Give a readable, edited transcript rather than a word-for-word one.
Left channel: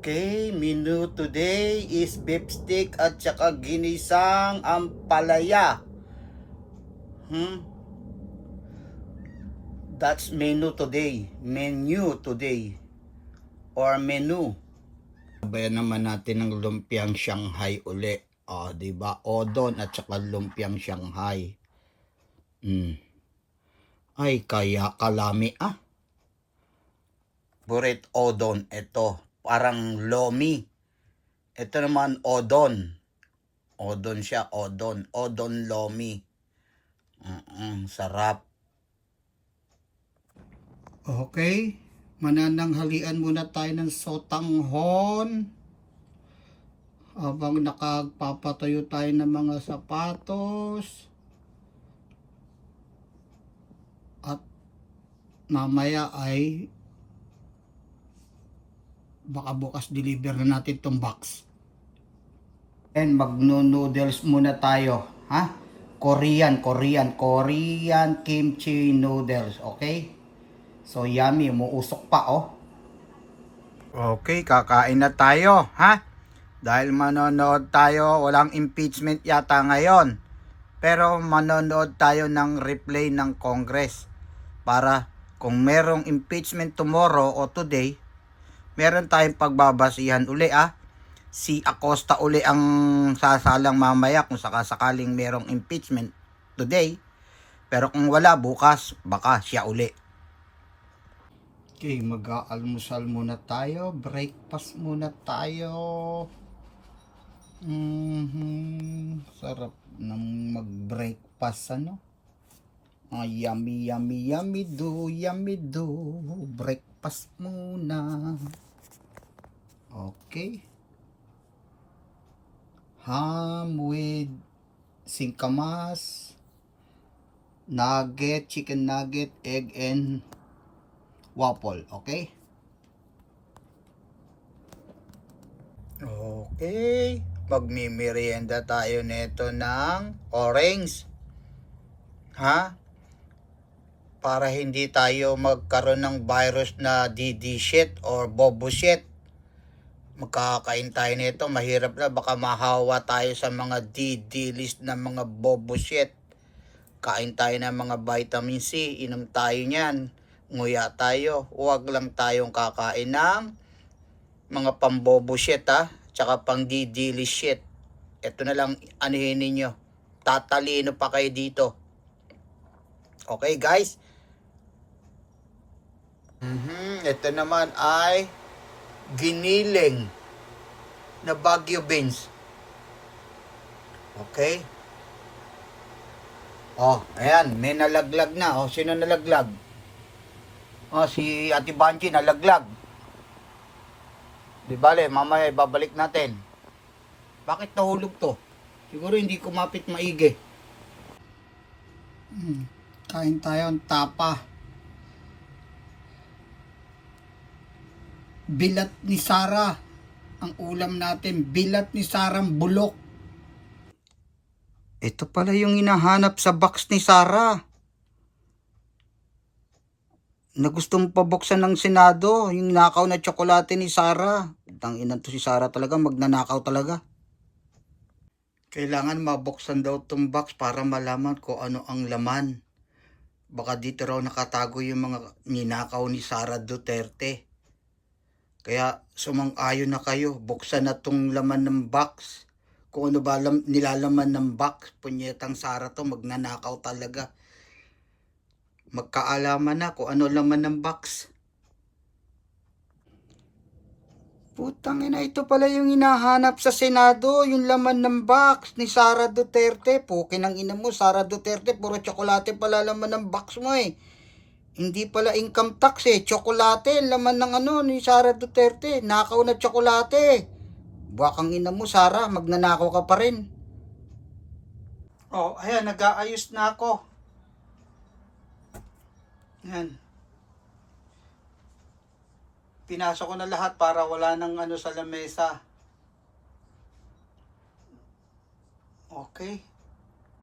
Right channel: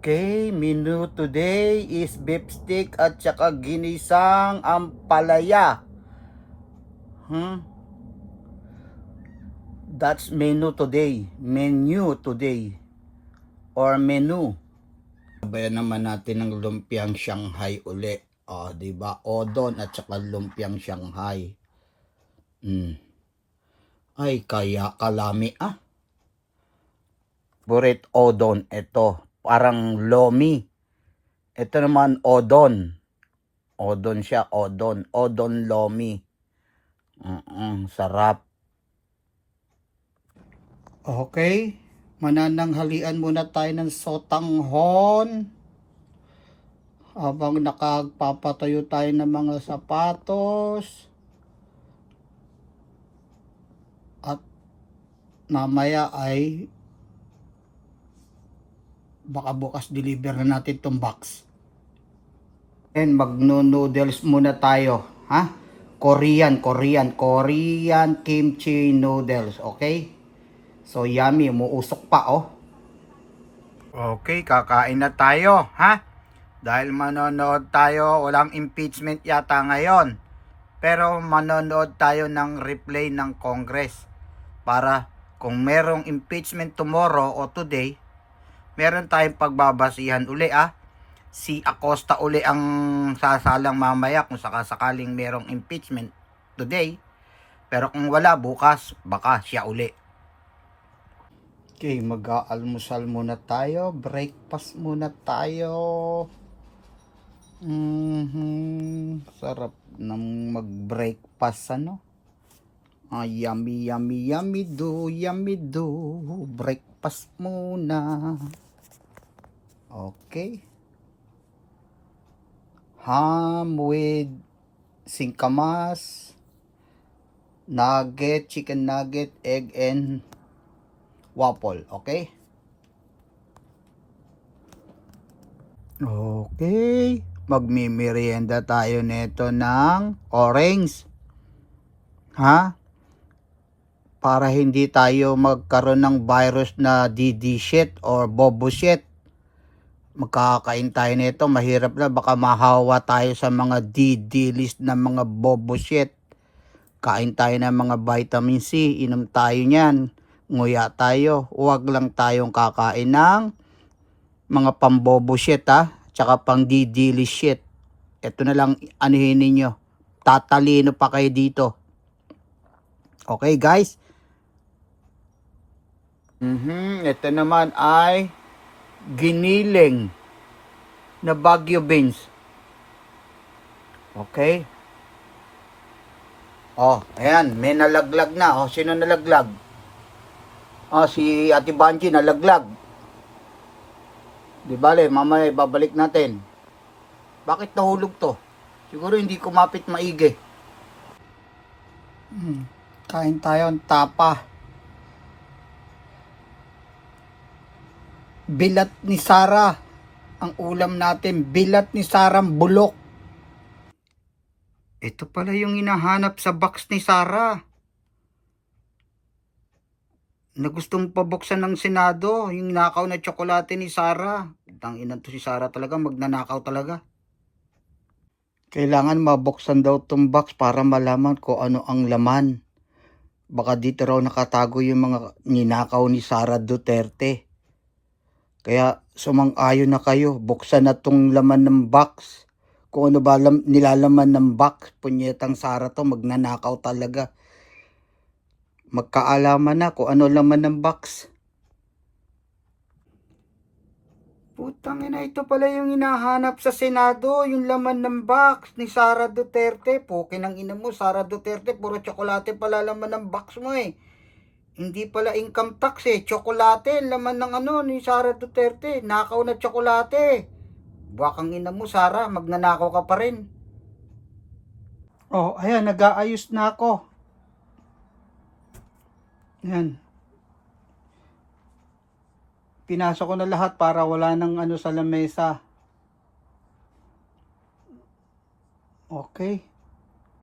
Okay, menu today is beef stick at saka ginisang ampalaya. That's menu today. Menu today. Or menu. Sabayan naman natin ng lumpiang Shanghai uli. O, diba? Odon at saka lumpiang Shanghai. Ay, kaya kalami Burit odon ito. Parang lomi. Ito naman odon. Odon siya, odon. Odon lomi. Sarap. Okay. Manananghalian muna tayo ng sotanghon. Habang nakagpapatayo tayo ng mga sapatos. At mamaya ay baka bukas deliver na natin itong box. And magno-noodles muna tayo. Korean kimchi noodles. Okay? So yummy. Umuusok pa Okay, kakain na tayo. Dahil manonood tayo. Walang impeachment yata ngayon. Pero manonood tayo ng replay ng Congress. Para kung merong impeachment tomorrow o today, meron tayong pagbabasihan uli Si Acosta uli ang sasalang mamaya kung sakasakaling merong impeachment today. Pero kung wala bukas, baka siya uli. Okay, mag-aalmusal muna tayo. Breakfast muna tayo. Sarap ng mag-breakfast yummy, yummy, yummy do. Breakfast muna. Okay. Ham with singkamas, nugget, chicken nugget, egg, and waffle. Okay? Okay. Magmimerienda tayo nito ng orange. Para hindi tayo magkaroon ng virus na DD shit or bobo shit. Magkakain tayo nito, mahirap na, baka mahawa tayo sa mga DD list na mga bobo shit. Kain tayo ng mga vitamin C, inom tayo niyan, nguya tayo. Huwag lang tayong kakain ng mga pambobo shit tsaka pang DD list shit. Ito na lang anuhin ninyo. Tatalino pa kayo dito. Okay guys? Ito naman ay giniling na Baguio beans. Okay. Ayan, may nalaglag na. Sino nalaglag? Si Ate Banji nalaglag. Di bale, mamaya babalik natin. Bakit nahulog to? Siguro hindi kumapit maigi. Kain tayo ng tapa. Bilat ni Sara. Ang ulam natin, bilat ni Sarang bulok. Ito pala yung hinahanap sa box ni Sara. Na gustong pabuksan ng Senado, yung nakaw na tsokolate ni Sara. Tangina to si Sara talaga, magnanakaw talaga. Kailangan mabuksan daw tong box para malaman kung ano ang laman. Baka dito raw nakatago yung mga ninakaw ni Sara Duterte. Kaya sumang-ayon na kayo, buksan na tong laman ng box. Kung ano ba nilalaman ng box, punyetang Sara to, magnanakaw talaga. Magkaalaman na kung ano laman ng box. Putang ina, ito pala yung hinahanap sa Senado, yung laman ng box ni Sara Duterte. Pukin ang ina mo, Sara Duterte, puro tsokolate pala laman ng box mo Hindi pala income tax tsokolate, laman ng ni Sara Duterte, nakaw na tsokolate. Buwakang ina mo Sara, magnanakaw ka pa rin. Ayan, nag-aayos na ako. Ayan. Pinasok ko na lahat para wala nang sa lamesa. Okay.